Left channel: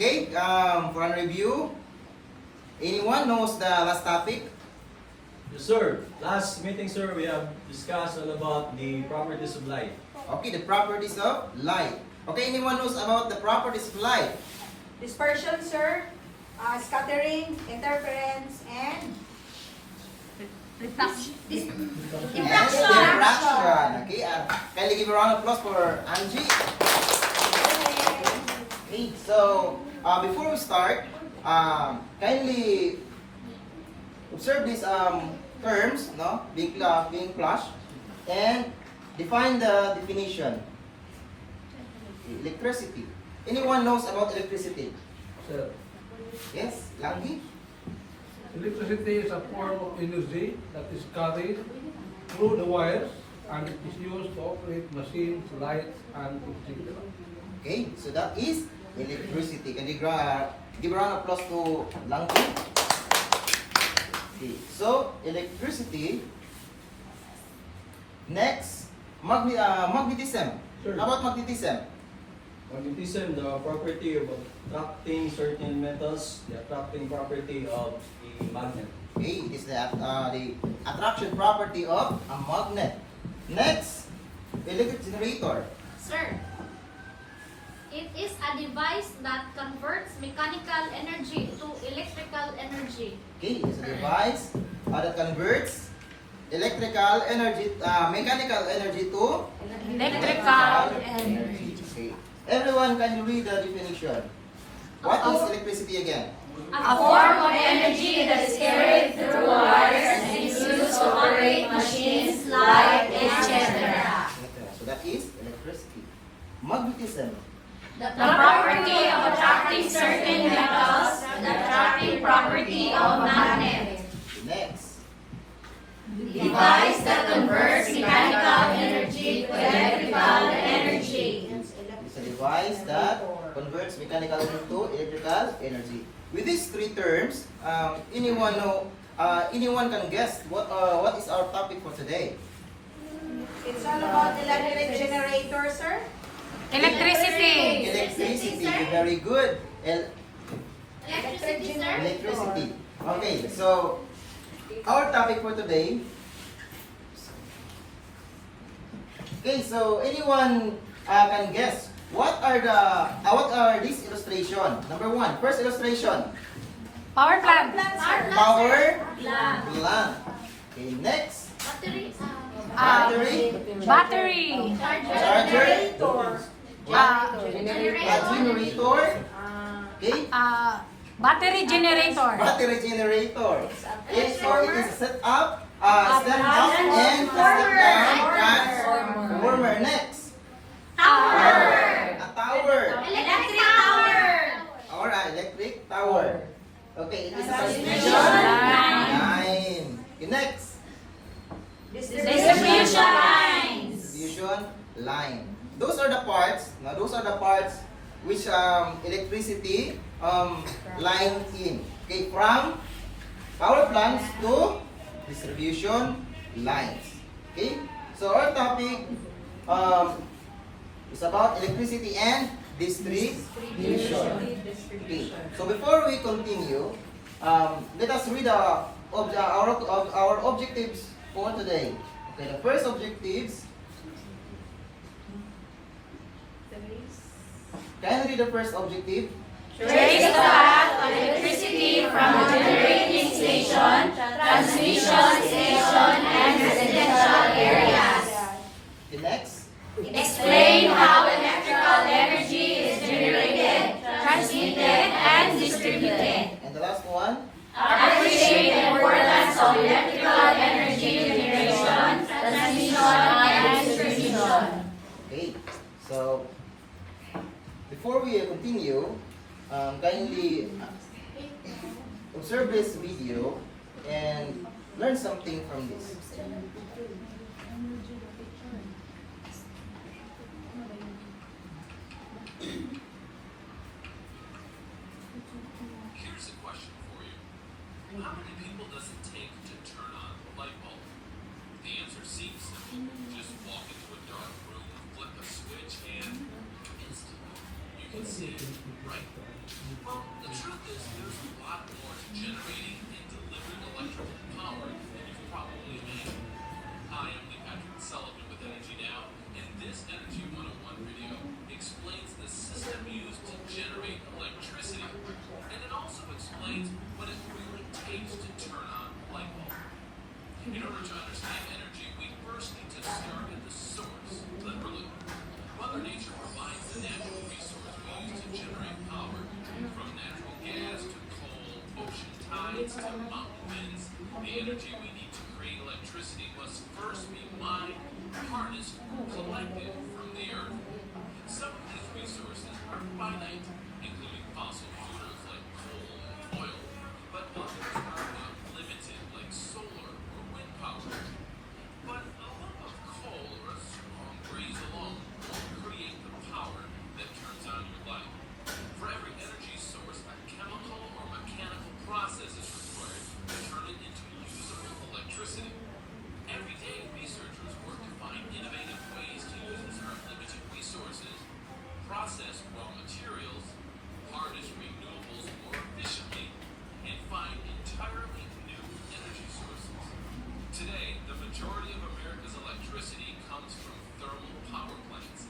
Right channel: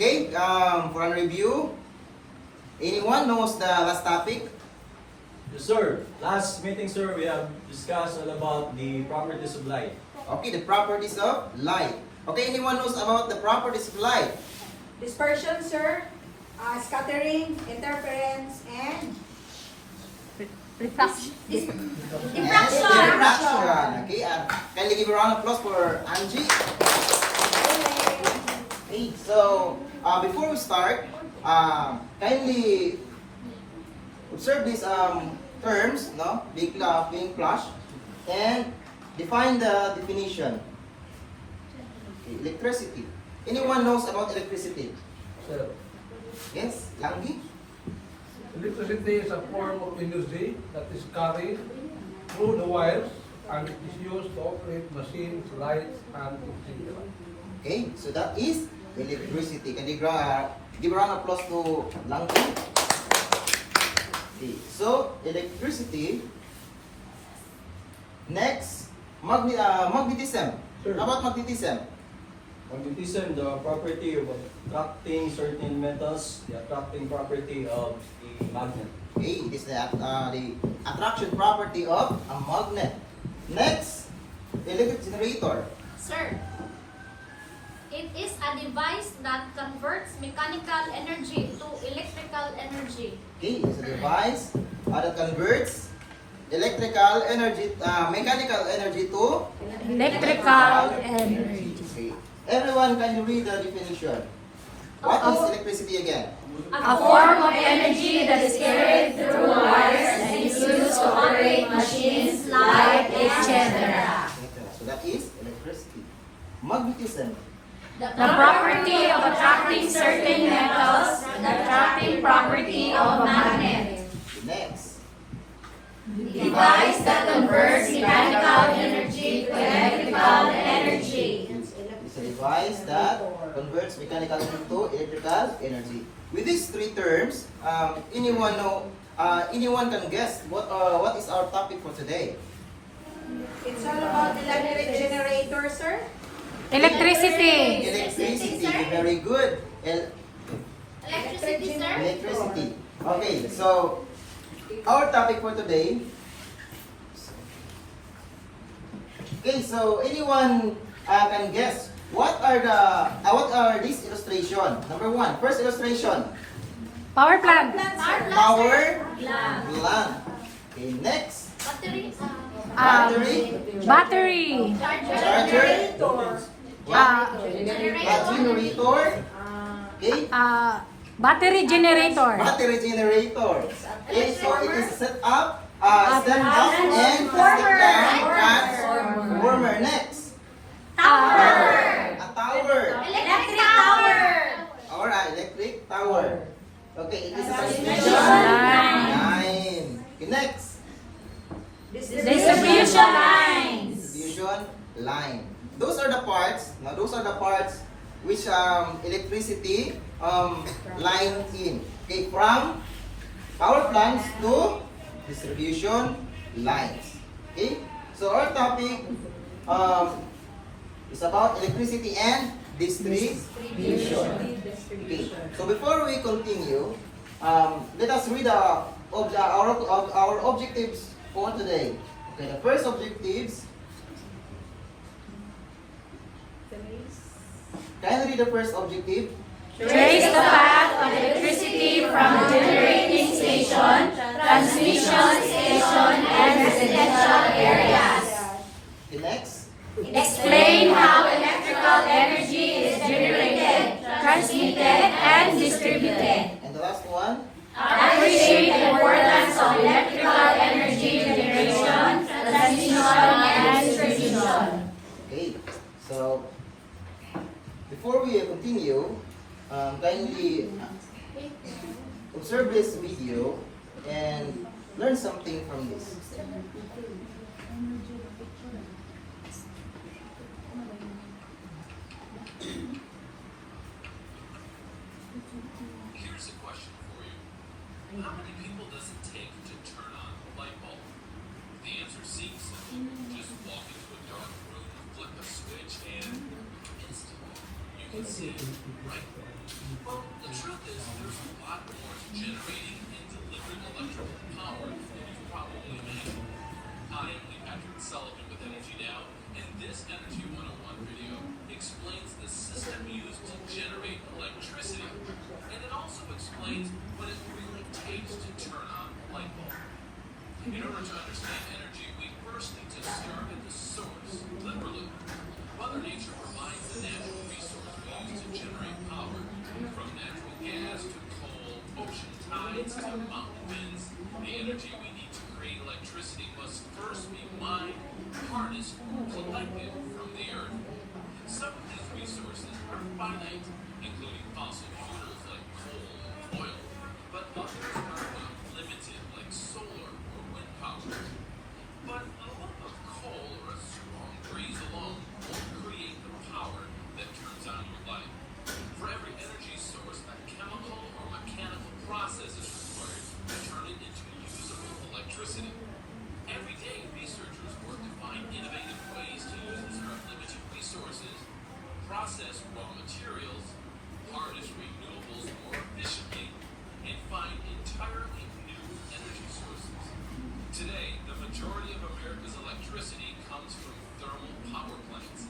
Okay, for a review, anyone knows the last topic? Yes, sir. Last meeting, sir, we have discussed all about the properties of light. Okay, the properties of light. Okay, anyone knows about the properties of light? Dispersion, sir, scattering, interference, and Refraction. Yes, diffraction. Okay, kindly give a round of applause for Angie. Okay, so before we start, kindly observe these terms, no, being flashed, and define the definition. Okay, electricity. Anyone knows about electricity? Sir, Yes, Langgi? electricity is a form of energy that is carried through the wires and it is used to operate machines, lights, and etc. Okay, so that is electricity. Can you give a round of applause to Langgi? Okay, so electricity. Next, magnetism. Sure. How about magnetism? Magnetism, the property of attracting certain metals, the attracting property of the magnet. Okay, it is the attraction property of a magnet. Next, electric generator. Sir, it is a device that converts mechanical energy to electrical energy. Okay, it is a device that converts electrical energy, mechanical energy to Electrical energy. Okay. Everyone can you read the definition. What is electricity again? A form of energy that is carried through wires and is used to operate machines, light, etc. So that is electricity. Magnetism. The property of attracting certain metals, the attracting property of a magnet. Next. Device that converts mechanical energy to electrical energy. It's a device that converts mechanical energy to electrical energy. With these three terms, anyone can guess what is our topic for today? it's all about electric generator, sir. Electricity. Electricity. Very good. Electricity, sir? Electricity. Okay, so our topic for today. Okay, so anyone can guess what are these illustration? Number one, first illustration, Power plant. power plant. Okay, next, Battery. battery, Battery. charger, what? Generator. Okay, Battery generator. battery generator. Okay, so it is set up, stand up, and step down transformer. Next, a tower. Electric tower. Alright, electric tower. Okay, it is a transmission line. Okay, next, Distribution lines. distribution line. Those are the parts. Now, those are the parts which electricity line in. Okay, from power plants to distribution lines. Okay, so our topic is about electricity and distribution. Okay, so before we continue, let us read our objectives for today. Okay, the first objectives. Can you read the first objective? Trace the path of electricity from the generating station, transmission station, and residential areas. The next. Explain how electrical energy is generated, transmitted, and distributed. And the last one. Appreciate the importance of electrical energy generation, transmission, and distribution. Okay, so before we continue, kindly observe this video and learn something from this. Here's a question for you. How many people does it take to turn on a light bulb? The answer seems simple. Just walk into a dark room, flip a switch, and instantly you would seem, right? Well, the truth is there's a lot more to generating and delivering electrical power than you probably imagine. Hi, I'm Lee Patrick Sullivan with Energy Now, and this Energy 101 video explains the system used to generate electricity, and it also explains what it really takes to turn on a light bulb. In order to understand energy, we first need to start at the source, literally. Mother Nature provides the natural resource we use to generate power, from natural gas to coal, ocean tides to mountain winds. The energy we need to create electricity must first be mined, harnessed, collected from the earth. Some of these resources are finite, including fossil fuels like coal and oil, but others are limited, like solar or wind power. But a lump of coal or a strong breeze alone won't create the power that turns on your light. For every energy source, a chemical or mechanical process is required to turn it into usable electricity. Every day, researchers work to find innovative ways to use our limited resources, process raw materials, harness renewables more efficiently, and find entirely new energy sources. Today, the majority of America's electricity comes from thermal power plants.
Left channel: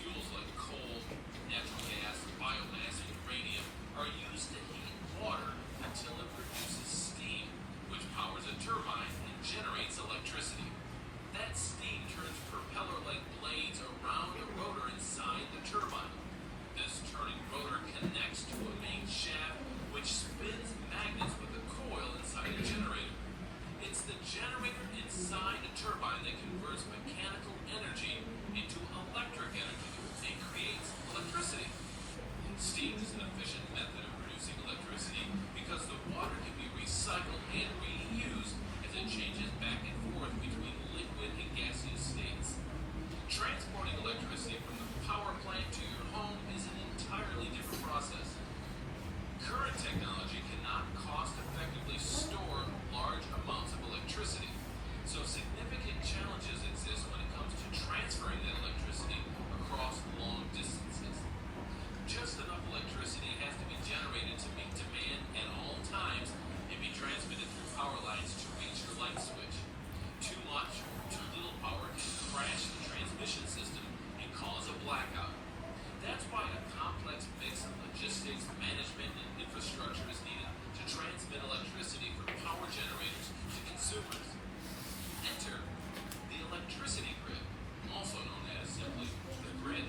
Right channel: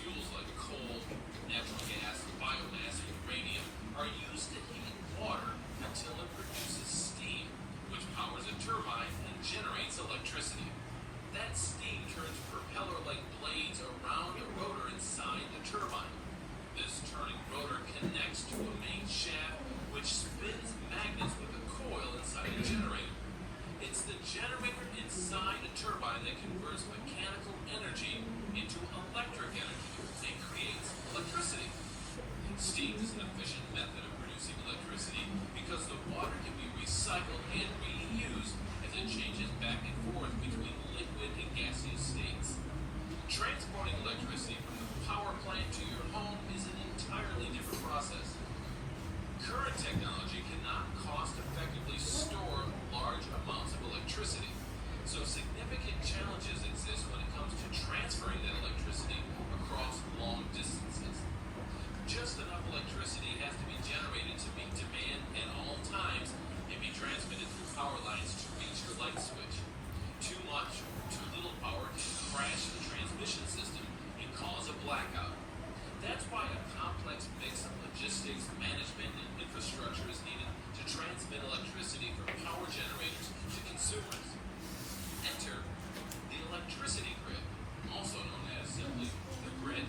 Fuels like coal, natural gas, biomass, and uranium are used to heat water until it produces steam, which powers a turbine and generates electricity. That steam turns propeller-like blades around a rotor inside the turbine. This turning rotor connects to a main shaft, which spins magnets with a coil inside a generator. It's the generator inside a turbine that converts mechanical energy into electric energy and creates electricity. Steam is an efficient method of producing electricity because the water can be recycled and reused as it changes back and forth between liquid and gaseous states. Transporting electricity from the power plant to your home is an entirely different process. Current technology cannot cost-effectively store large amounts of electricity, so significant challenges exist when it comes to transferring that electricity across long distances. Just enough electricity has to be generated to meet demand at all times and be transmitted through power lines to reach your light switch. Too much or too little power can crash the transmission system and cause a blackout. That's why a complex mix of logistics, management, and infrastructure is needed to transmit electricity from power generators to consumers. Enter the electricity grid, also known as simply the grid.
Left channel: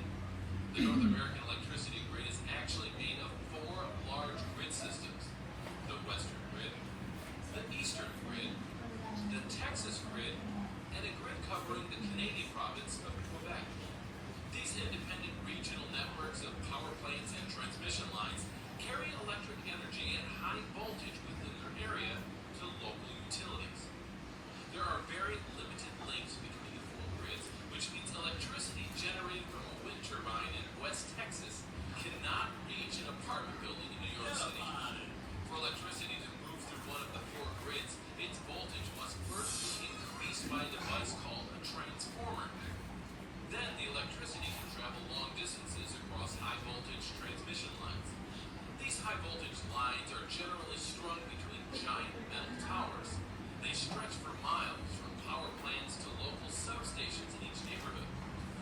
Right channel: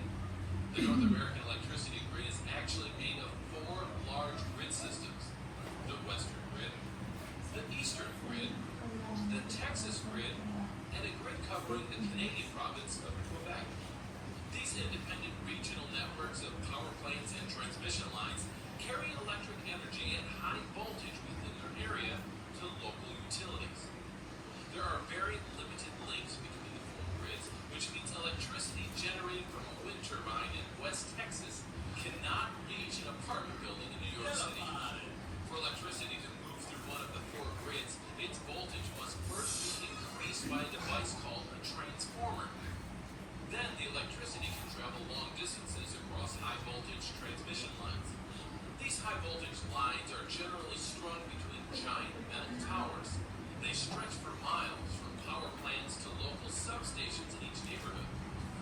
The North American electricity grid is actually made of 4 large grid systems: the Western grid, the Eastern grid, the Texas grid, and a grid covering the Canadian province of Quebec. These independent regional networks of power plants and transmission lines carry electric energy at high voltage within their area to local utilities. There are very limited links between the 4 grids, which means electricity generated from a wind turbine in West Texas cannot reach an apartment building in New York City. For electricity to move through one of the 4 grids, its voltage must first be increased by a device called a transformer. Then the electricity can travel long distances across high voltage transmission lines. These high voltage lines are generally strung between giant metal towers. They stretch for miles from power plants to local substations in each neighborhood.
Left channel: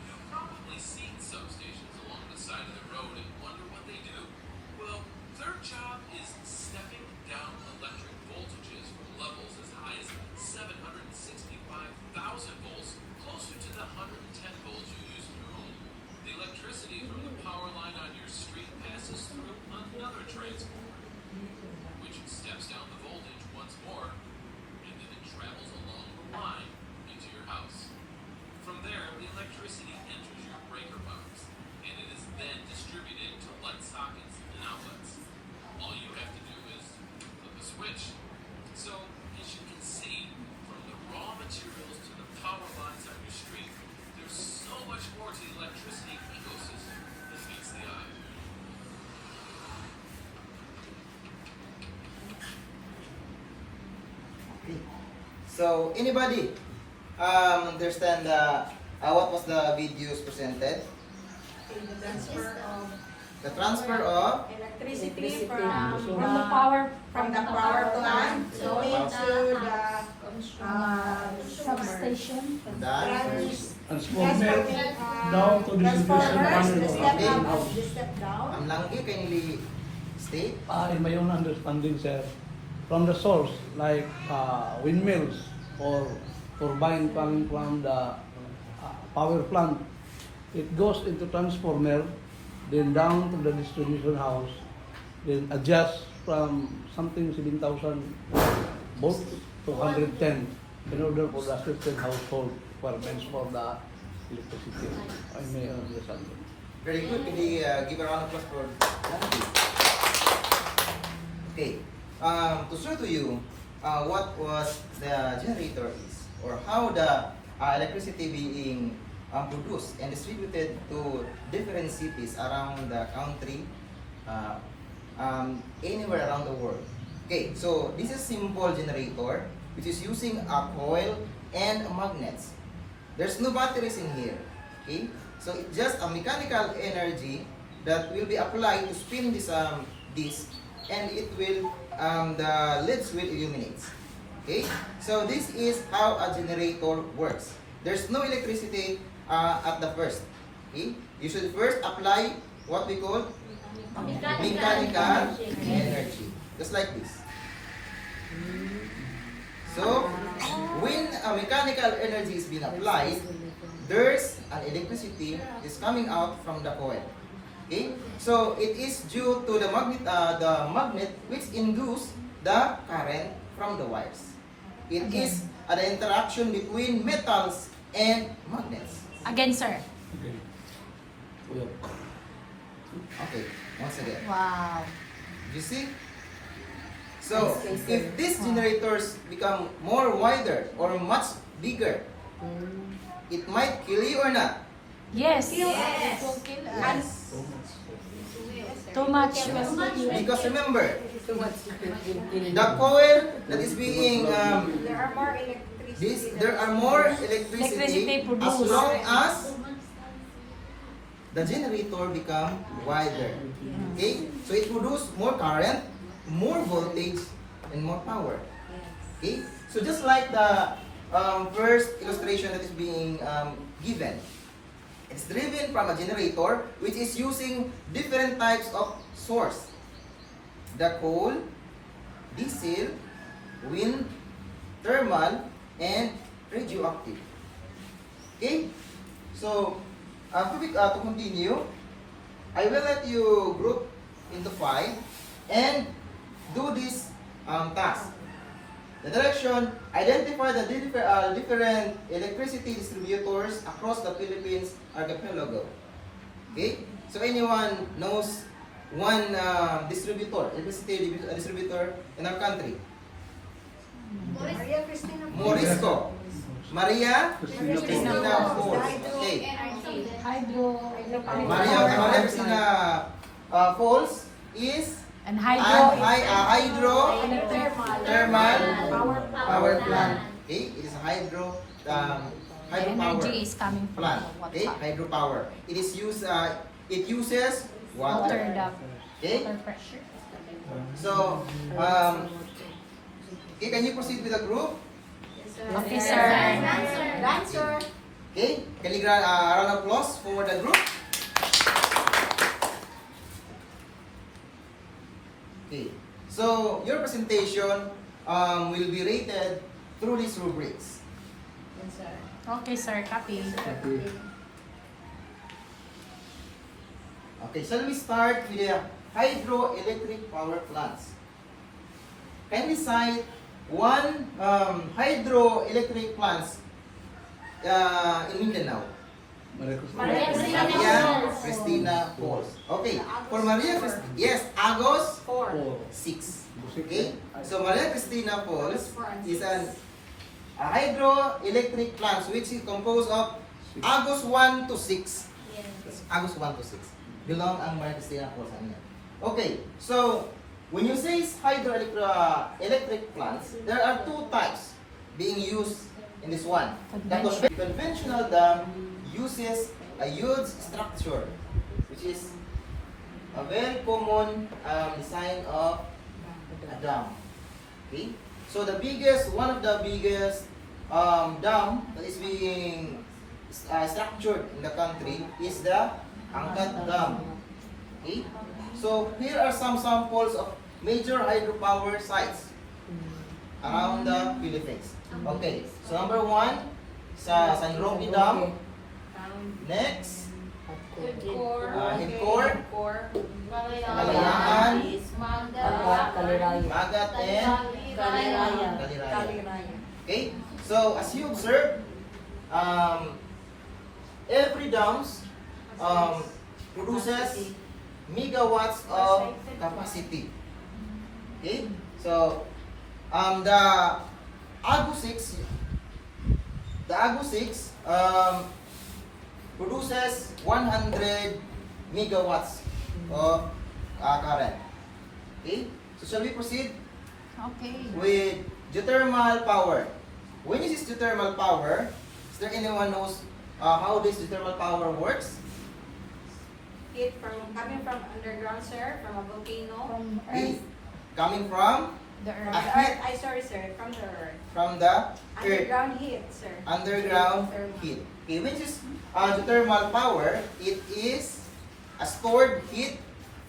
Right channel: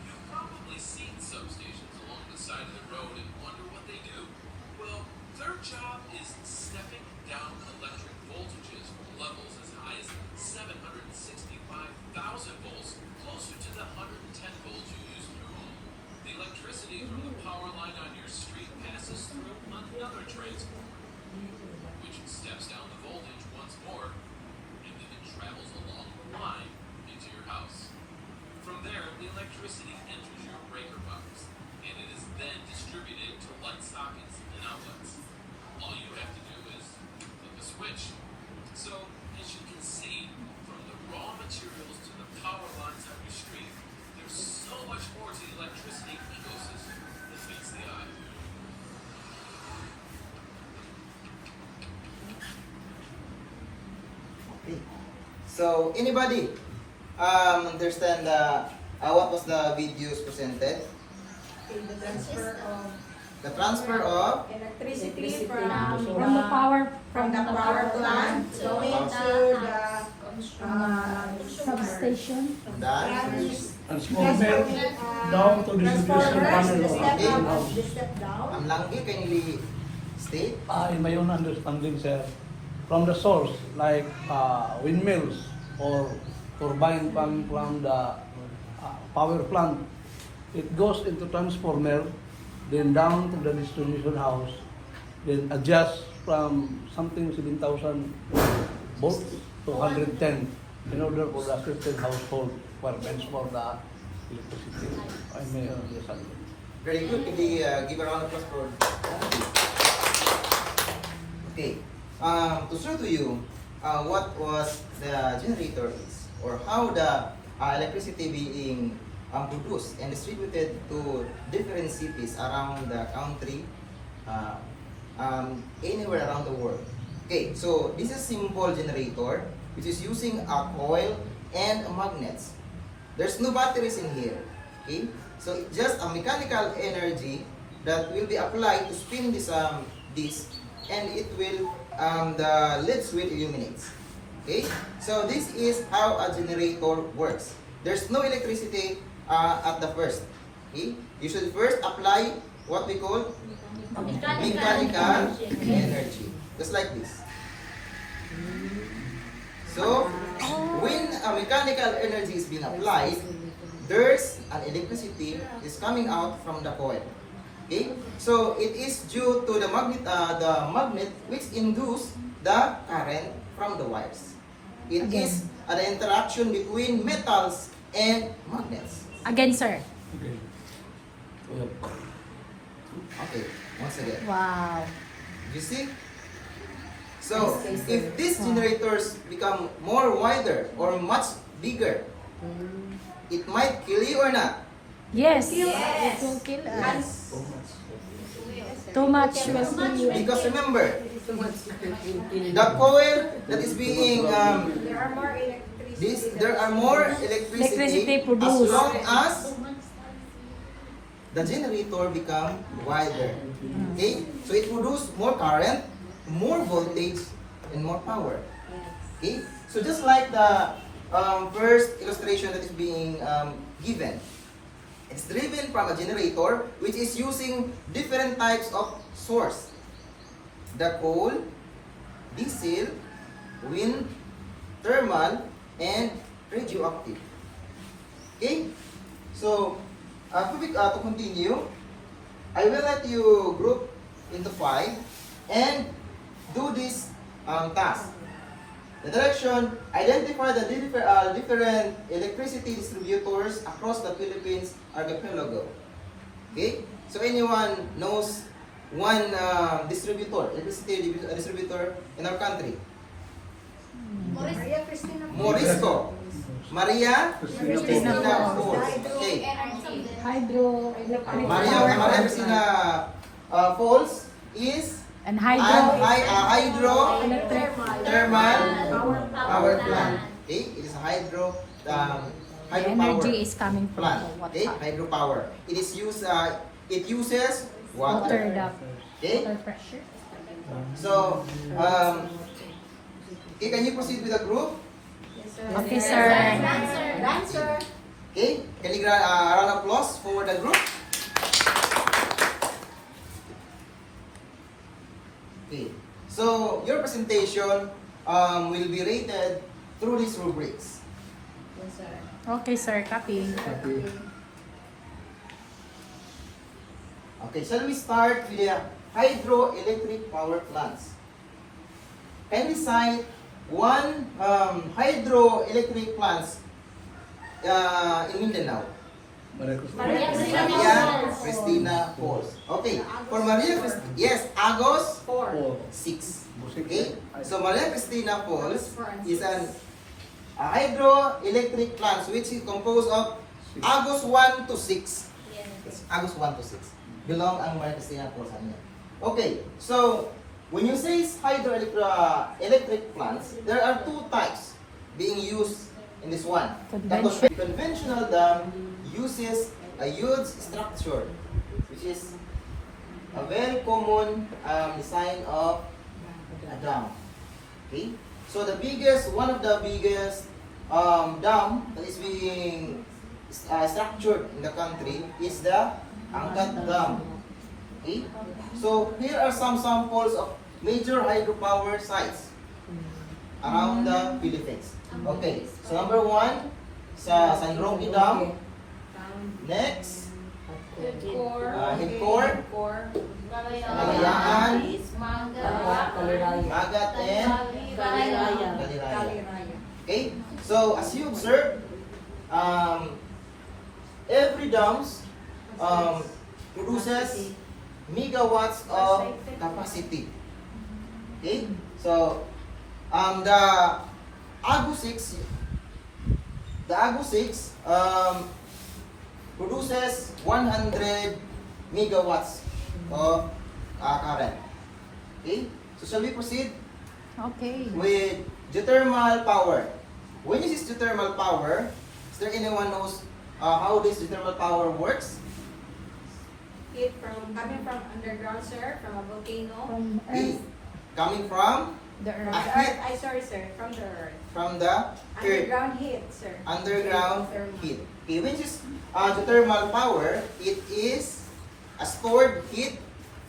You've probably seen substations along the side of the road and wonder what they do. Well, their job is stepping down electric voltages from levels as high as 765,000 volts closer to the 110 volts you use in your home. The electricity from the power line on your street passes through another transformer, which steps down the voltage once more, and then it travels along the line into your house. From there, the electricity enters your breaker box, and it is then distributed to light sockets and outlets. All you have to do is flip a switch. So, as you can see, from the raw materials to the power lines on your street, there's so much more to the electricity ecosystem than meets the eye. Okay. So, anybody understand what was the videos presented? In the transfer of The transfer of Electricity From the power, from the power plant into the substation. the Transformer down to distribution panel. Langgi kindly state. In my own understanding, sir, from the source, like windmills or turbine from the power plant, it goes into transformer, then down to the distribution house, then adjust from something 7,000 volts to 110 in order for the affected household requirements for the electricity. I may understand. Very good. Can we give a round of applause for Okay. To show to you what was the generator is, or how the electricity being produced and distributed to different cities around the country, anywhere around the world. Okay, so this is simple generator which is using a coil and magnets. There's no batteries in here. Okay, so it's just a mechanical energy that will be applied to spin this and it will the LEDs will illuminate. Okay, so this is how a generator works. There's no electricity at the first. Okay, you should first apply what we call mechanical energy, just like this. So when a mechanical energy is being applied, there's an electricity is coming out from the coil. Okay, so it is due to the magnet which induce the current from the wires. It is the interaction between metals and magnets. Again, sir. Okay, once again. Wow. You see? So if these generators become more wider or much bigger, it might kill you or not. Yes. It will kill us. Too much will kill you. Because remember, the coil that is being there are more electricity Electricity as produced. long as the generator become wider. Okay? So it produces more current, more voltage, and more power. Okay? So just like the first illustration that is being given, it's driven from a generator which is using different types of source. The coal, diesel, wind, thermal, and radioactive. Okay? So, to continue, I will let you group into 5 and do this task. The direction, identify the different electricity distributors across the Philippines archipelago. Okay? So anyone knows one electricity distributor in our country? Maria Cristina. Morisco. Maria Cristina Falls. Okay. Hydroelectric Maria Cristina Falls is and hydro electric thermal power plant. Okay, it is a hydropower energy is coming from plant. the Okay, water. hydropower. It is used. It uses Water, water. Okay, the pressure. so okay, can you proceed with the group? Okay, sir. Dancer. Okay, can you grant a round of applause for the group? Okay, so your presentation will be rated through these rubrics. Okay, sir. Copy. Okay, shall we start with the hydroelectric power plants? Can we cite one hydroelectric plants in Mindanao? Maria Cristina Falls. Okay, for Maria Cristina, yes, Agos 6. Okay, so Maria Cristina Falls is a hydroelectric plant which is composed of Agos 1 to 6. Agos 1 to 6. Belong ang Maria Cristina Falls niya. Okay, so when you say hydroelectric plants, there are two types being used in this one. The conventional dam uses a huge structure, which is a very common design of a dam. Okay, so one of the biggest dam that is being structured in the country is the Angkat Dam. Okay, so here are some samples of major hydropower sites around the Philippines. Okay, so number one, sa San Roque Dam. Next, Hidcore, Kalayaan, Magat, and Kaliraya. Okay, so as you observe, every dams produces megawatts of capacity. Okay, so the Agu 6 produces 100 megawatts of current. Okay, so shall we proceed Okay. with geothermal power? When you use geothermal power, is there anyone knows how this geothermal power works? Heat coming from underground, sir, from a volcano. Heat coming from The earth. a heat Sorry, sir, from the earth. from the earth. Underground heat, sir. Underground heat. Okay, which is geothermal power, it is a stored heat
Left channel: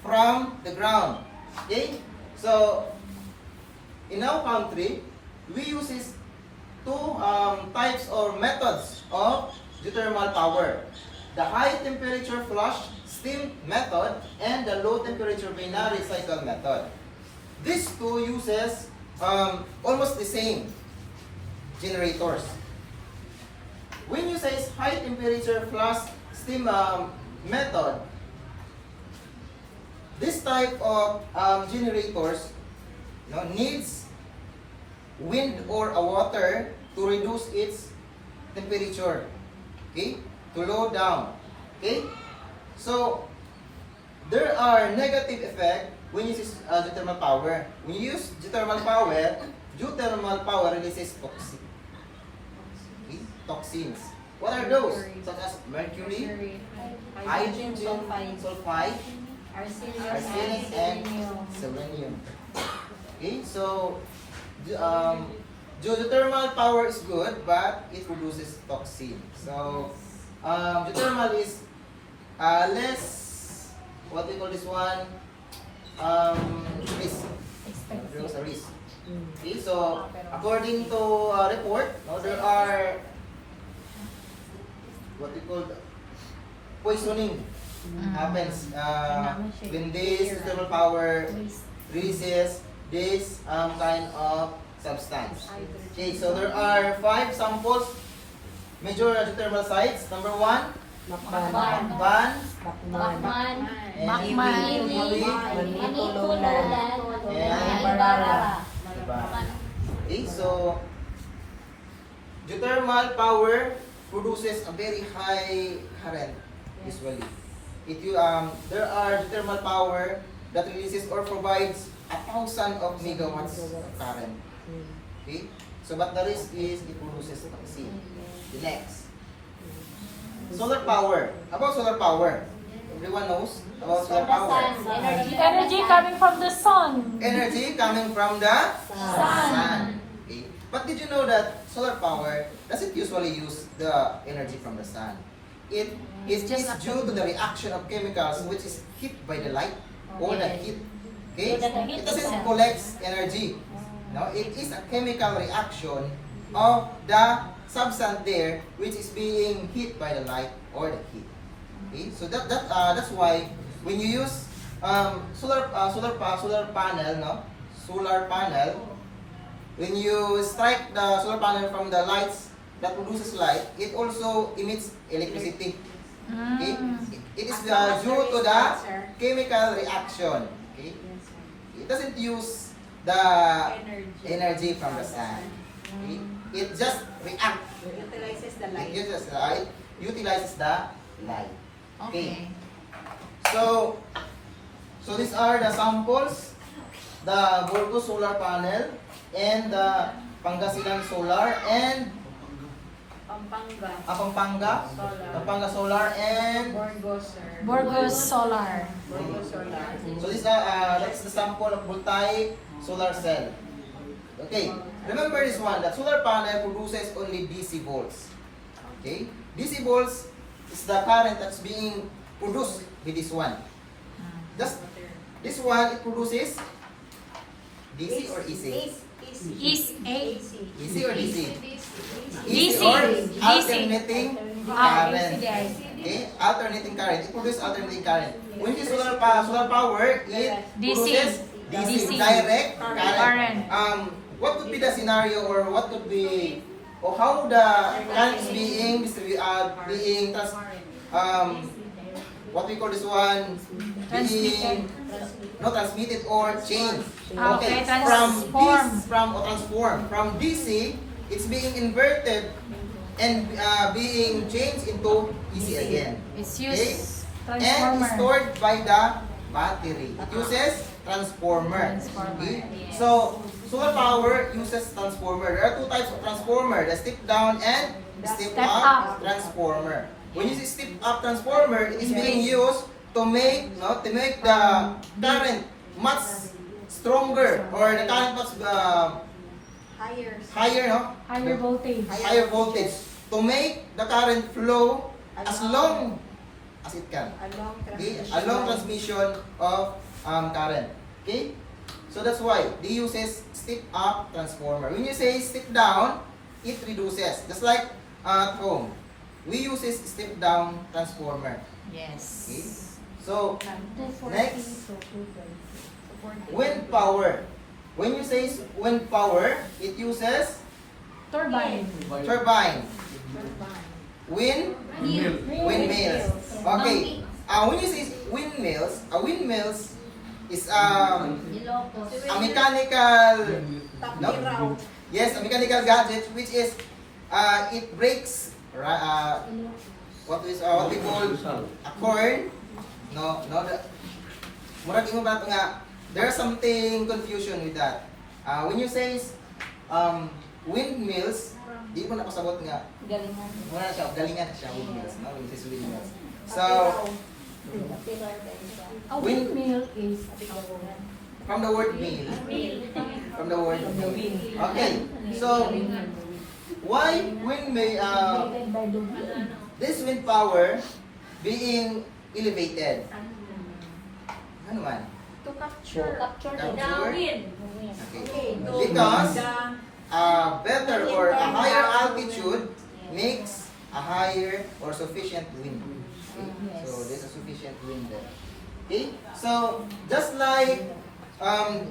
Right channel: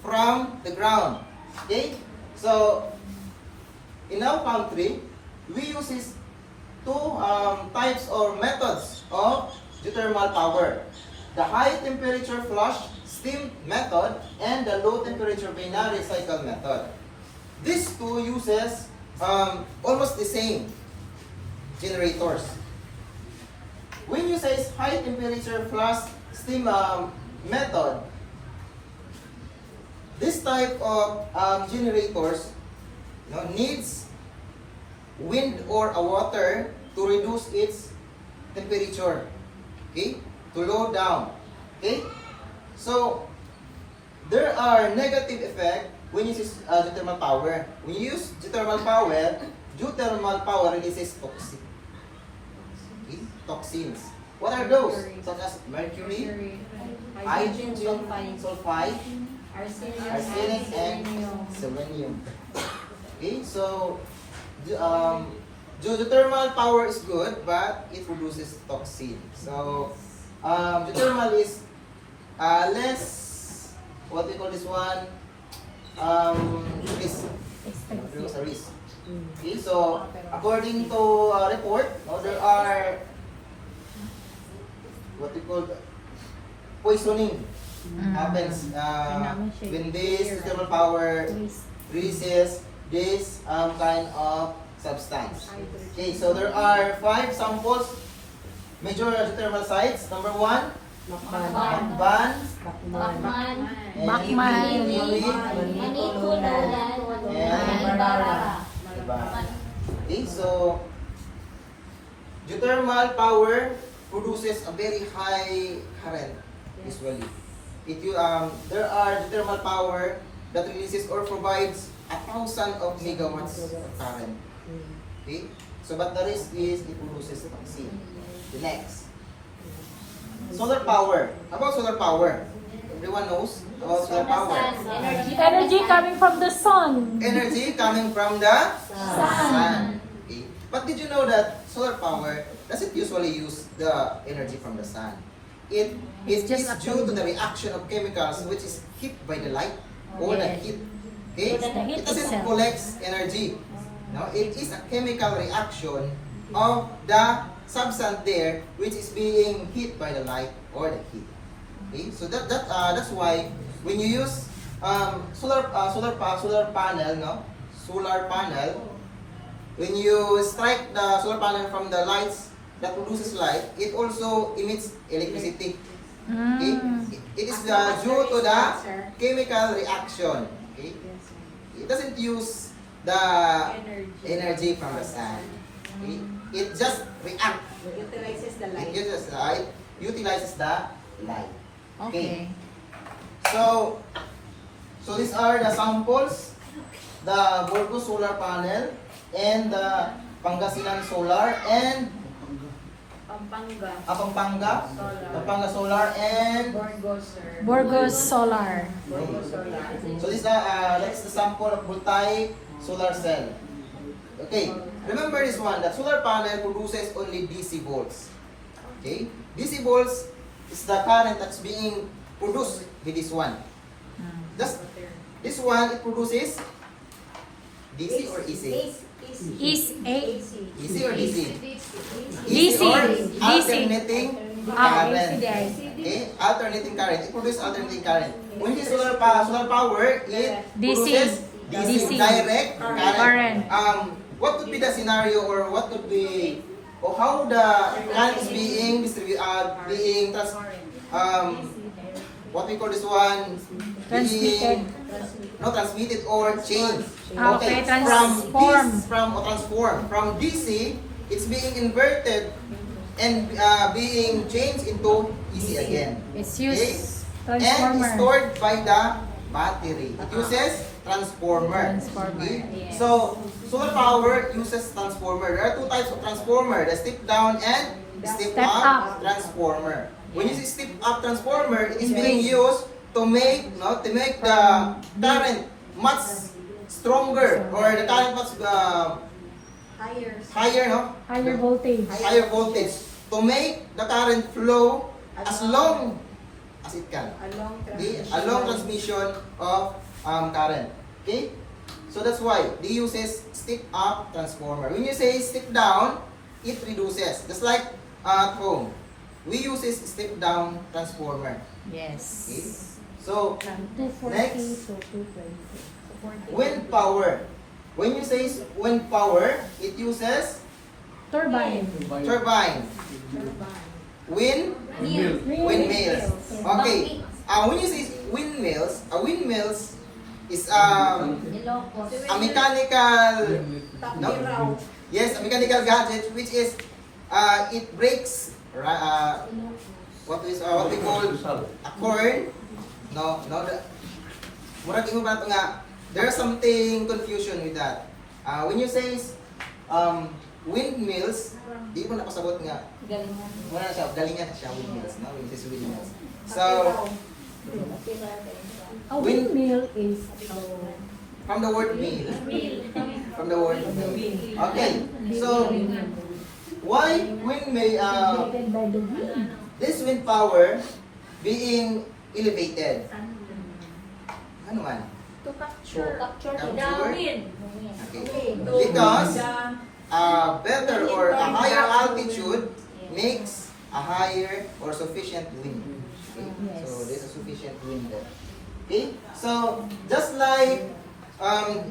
from the ground. Okay, so in our country, we use two types or methods of geothermal power: the high temperature flush steam method and the low temperature binary cycle method. These two uses almost the same generators. When you say high temperature flash steam method, this type of generators needs wind or a water to reduce its temperature, okay, to low down. Okay, so there are negative effects when you use geothermal power. When you use geothermal power releases toxins. What are those? Such as mercury, hydrogen sulfide, arsenic, and selenium. Okay, so geothermal power is good, but it produces toxin. So geothermal is less, what we call this one, risk. There's a risk. Okay, so according to a report, there are what we call poisoning happens when this geothermal power releases this kind of substance. Okay, so there are 5 samples, major geothermal sites. Number 1, Macban, Bacman, Okay, so geothermal power produces a very high current usually. There are geothermal power that releases or provides 1,000 of megawatts of current. Okay, so but the risk is it produces toxin. The next, solar power. About solar power, everyone knows about solar power. Energy coming from the sun. Energy coming from the sun. Okay. But did you know that solar power doesn't usually use the energy from the sun? It is due to the reaction of chemicals which is hit by the light or the heat. Okay? It doesn't collect energy. No, it is a chemical reaction of the substance there which is being hit by the light or the heat. Okay? So that's why when you use solar panel, when you strike the solar panel from the lights that produces light, it also emits electricity. Okay? It is due to the chemical reaction. Okay? It doesn't use the energy from the sun. Okay? It just reacts. Utilizes the light. It utilizes the light. Okay. So these are the samples: the Burgos solar panel and the Pangasinan solar and Pampanga. Pampanga Solar, and Burgos, sir. Burgos Solar. so this that's the sample of voltaic solar cell. Okay, remember this one, that solar panel produces only DC volts. Okay, DC volts is the current that's being produced with this one. Just this one, it produces DC or AC? Is A. AC or DC? DC. or DC. alternating current. Yes. Okay, alternating current. It produces alternating current. When it is solar power, it DC. produces DC, DC. direct Current. current. What could be the scenario, or what could be, or how the current is being what we call this one, being transmitted or changed. Okay, Transform from DC, it's being inverted and being changed into AC again. It's Okay? used And it's transformer. stored by the battery. It uses transformer. Okay? So solar power uses transformer. There are two types of transformer: the step down and step Step up up. transformer. When you see step up transformer, it is being used to make the current much stronger, or the current much higher, no? Higher voltage. Higher voltage, to make the current flow as long as it can. Okay? A long transmission of current. Okay? So that's why they uses step up transformer. When you say step down, it reduces. Just like at home, we uses step down transformer. Yes. Okay? So 240 next, to 220. wind power. When you say wind power, it uses Turbine. turbine. Windmills. Okay. When you say windmills is a mechanical, no? Yes, a mechanical gadget which is it breaks what we call a corn. Murag ingon ba ito nga, there's something confusion with that. When you say windmills, di mo napasabot nga. Wala siya, galingan siya windmills, no? When you say windmills. So, A windmill is from the word mill. From the word mill. Okay, so why windmill? created by the wind. This wind power being elevated. Ano man? To capture Capture? wind. Okay. Because better or a higher altitude makes a higher or sufficient wind. Okay? So there's a sufficient wind there. Okay? So just like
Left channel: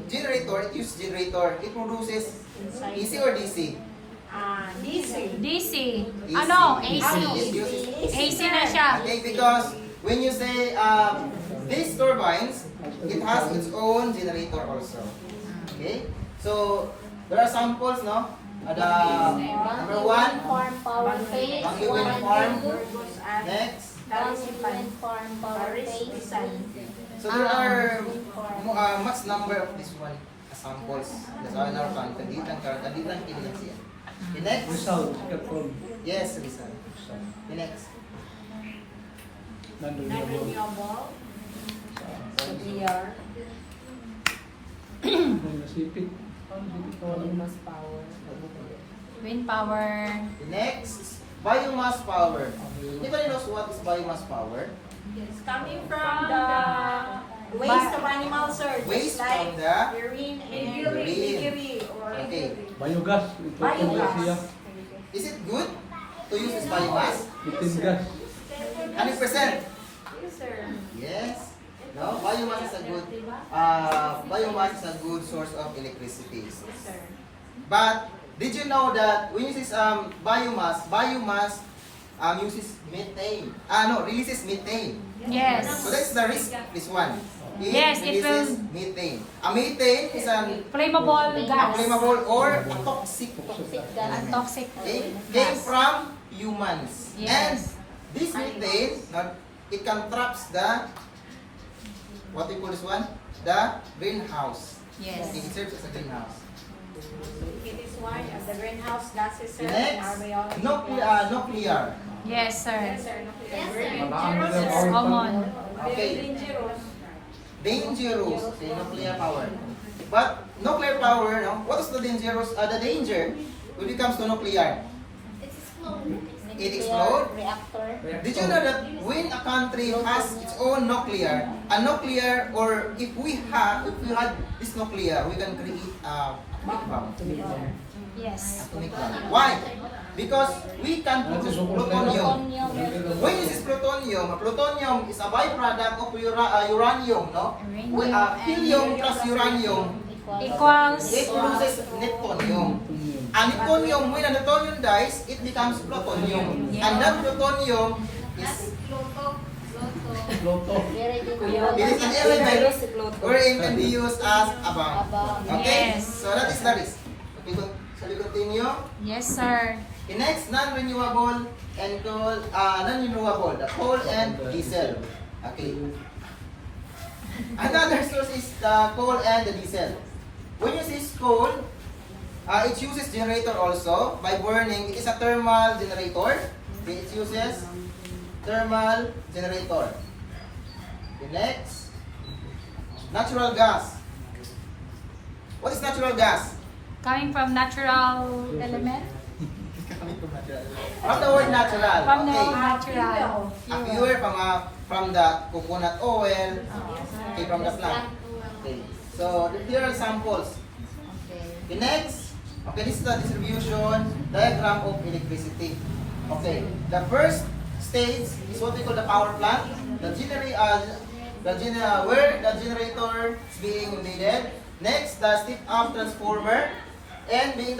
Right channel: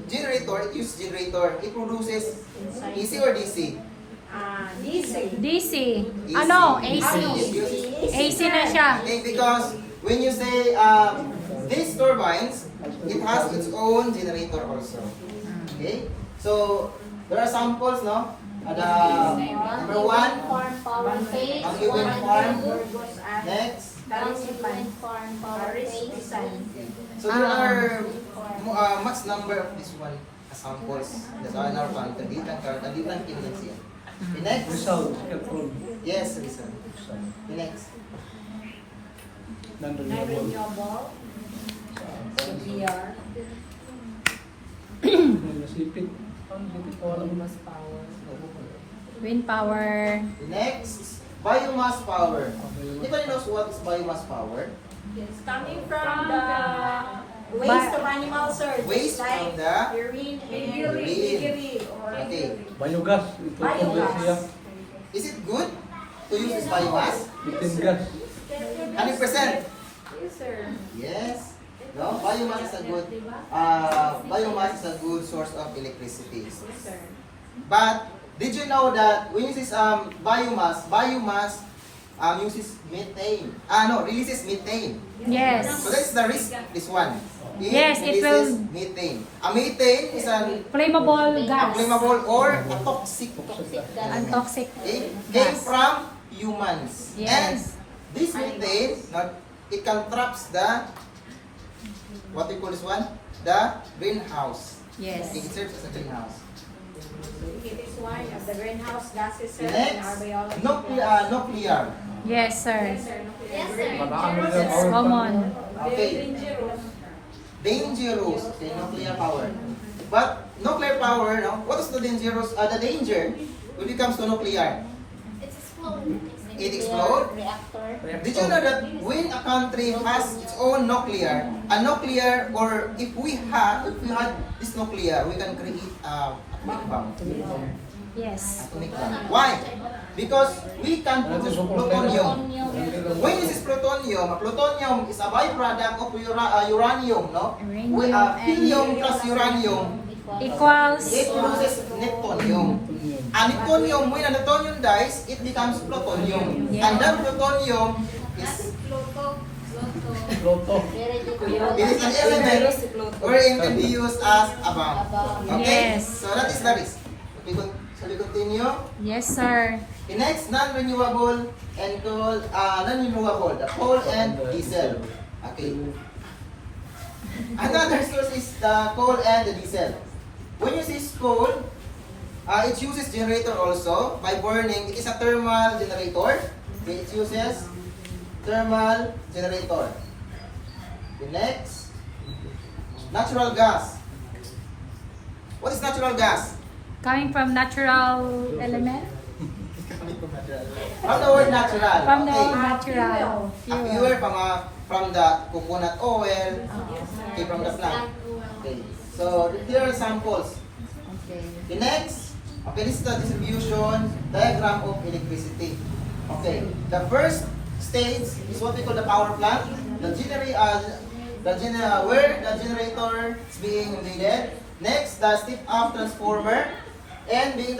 generator, it uses generator. It produces AC or DC? DC. DC. Ano? AC. It uses AC na siya. Okay, because when you say these turbines, it has its own generator also. Okay, so there are samples, no? The number one, Farm power phase. Bangi Wind Farm. Burgos and Next, Farm power phase. so there are much number of this one samples. That's why in our plant, hindi lang kinilang siya. Okay, next. Yes, Rizal. Okay, next. Non-renewable. So VR. Wind power. Next, biomass power. Anybody knows what is biomass power? It's coming from the waste of animal source. Waste like from the urine and urine. or Okay. Biogas. Biogas. Is it good to use this biomass? Methane gas. 100%. Yes, sir. Yes. No, biomass is a good source of electricity. Yes, sir. But did you know that when you use biomass uses methane. Releases methane. Yes. So that's the risk. This one. It Yes, it releases will- methane. A methane is a Flammable gas. flammable or a toxic. And toxic Okay? Came gas. from humans. Yes. And this methane, it can traps the, what we call this one? The greenhouse. Yes. It serves as a greenhouse. Okay, this one, the greenhouse gases, sir, in Next, our biology. nuclear. Yes, sir. Yes, sir. Yes, Very sir. It's common. Okay. dangerous. Dangerous. Okay, nuclear power. But nuclear power, no? What is the dangerous? The danger when it comes to nuclear. It's explode. It explode. Reactor. Did you know that when a country has its own nuclear, a nuclear, or if we had this nuclear, we can create atomic bomb. Yes. Atomic bomb. Why? Because we can produce plutonium. When this is plutonium, plutonium is a byproduct of uranium, no? Helium plus uranium, Equals. it produces neptunium. And neptunium, when a neptunium dies, it becomes plutonium. And that plutonium is it is an element wherein can be used as a bomb. Okay? Yes. So that is the risk. Okay, shall we continue? Yes, sir. The next, non-renewable and coal, non-renewable, the coal and diesel. Okay. Another source is the coal and the diesel. When you see coal, it uses generator also by burning. It is a thermal generator. Okay, it uses thermal generator. The next, natural gas. What is natural gas? Coming from natural element. From the word natural. From the Okay. natural. A fuel from the coconut oil, okay, from the plant. Okay. So here are samples. The next, okay, this is the distribution diagram of electricity. Okay, the first stage is what we call the power plant. Where the generator is being embedded. Next, the step-up transformer and being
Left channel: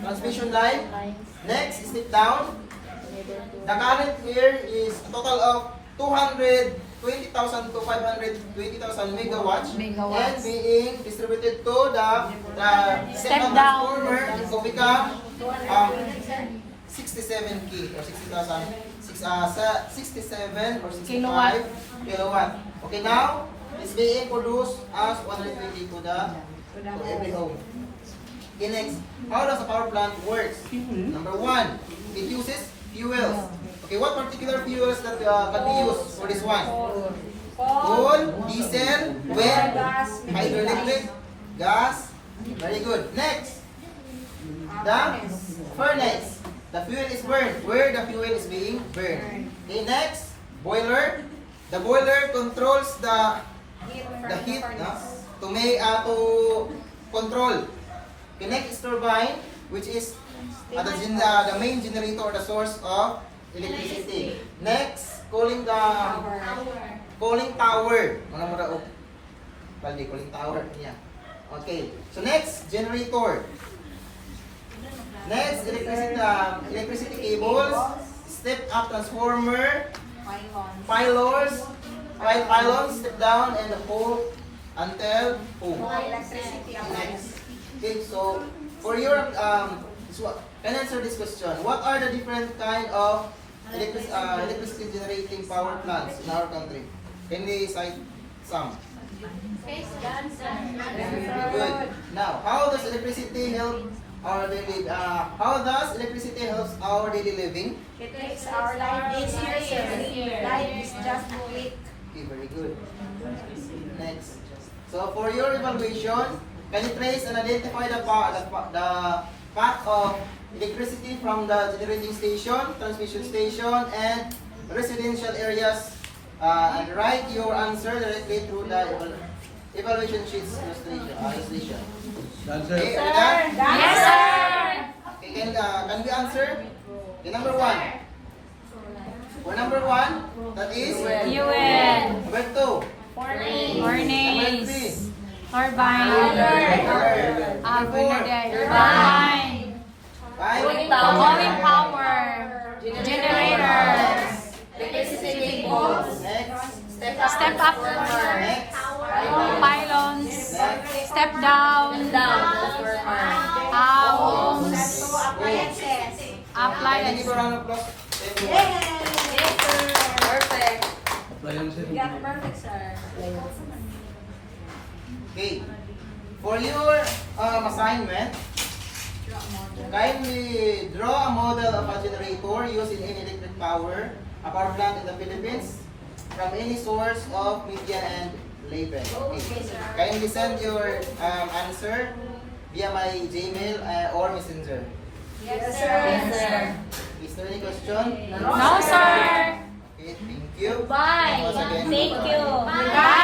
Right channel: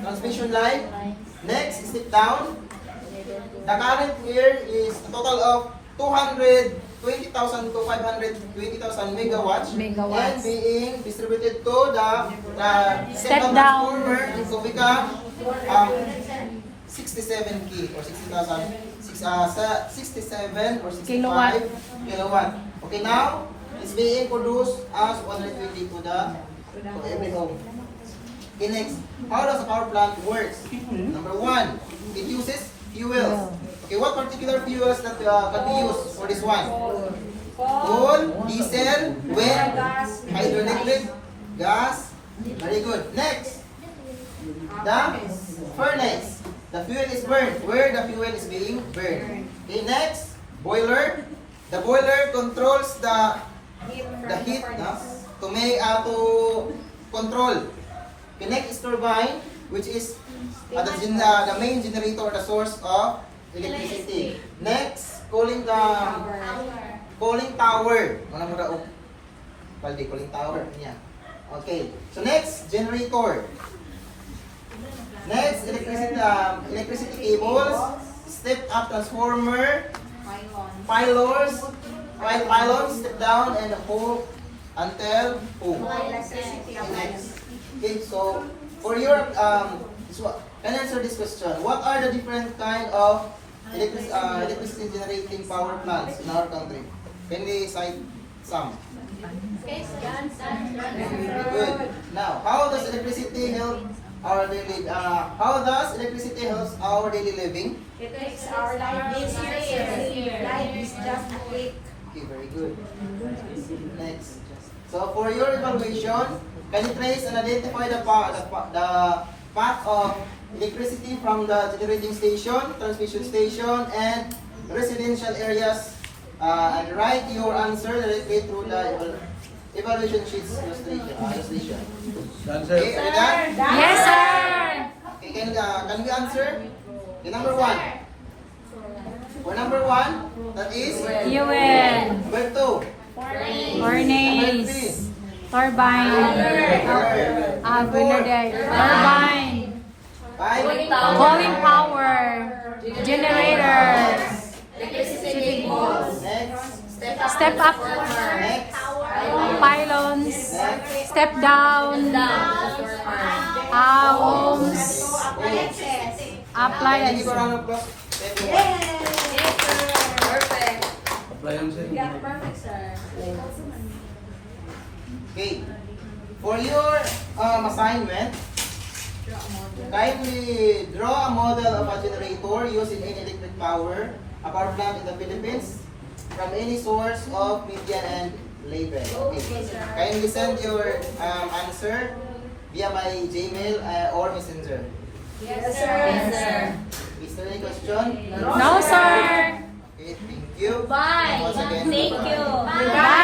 transmission line. Next, step down. The current here is a total of 220,000 to 520,000 megawatts, and being distributed to the step down transformer to become 67 key or 60,000, 67 or 65 kilowatt. Okay, now it's being produced as 120 to every home. Okay, next, how does a power plant works? Number one, it uses fuels. Okay, what particular fuels that can be used for this one? Coal, diesel, wind, hydroelectric, gas. Very good. Next, the furnace. The fuel is burned. Where the fuel is being burned. Okay, next, boiler. The boiler controls the heat to control. Okay, next is turbine, which is the main generator or the source of electricity. Next, cooling tower. Mana mura og balde cooling tower niya. Okay. So next, generator. Next, electricity cables, step-up transformer, pylons, step down, and the whole until home. Next. Okay, so for your can answer this question. What are the different kind of electricity generating power plants in our country? Can they cite some? Good. Now, how does electricity help our daily? How does electricity help our daily living? It makes our life easier. Life is just a click. Okay, very good. Next. So for your evaluation, can you trace and identify the path of electricity from the generating station, transmission station, and residential areas, and write your answer directly through the evaluation sheets illustration. Okay, are you done? Yes, sir. Okay, can we answer? Okay, number one. For number one, that is Fuel. number two. Number Furnace. three. Turbine. Turbine. Five. Going power. Generators. Next. Step up. Next. Pylons. Next. Step down. Homes. Wait. Can you Appliances. give a round of applause to everyone? Perfect. Appliances. Yeah, perfect, sir. Okay. For your assignment, kindly draw a model of a generator using any electric power, a power plant in the Philippines, from any source of media and label. Okay. Kindly send your answer via my Gmail or Messenger. Yes, sir. Yes, sir. Is there any question? No, sir. Okay, thank you. Bye. Once again, Thank goodbye. you. Bye.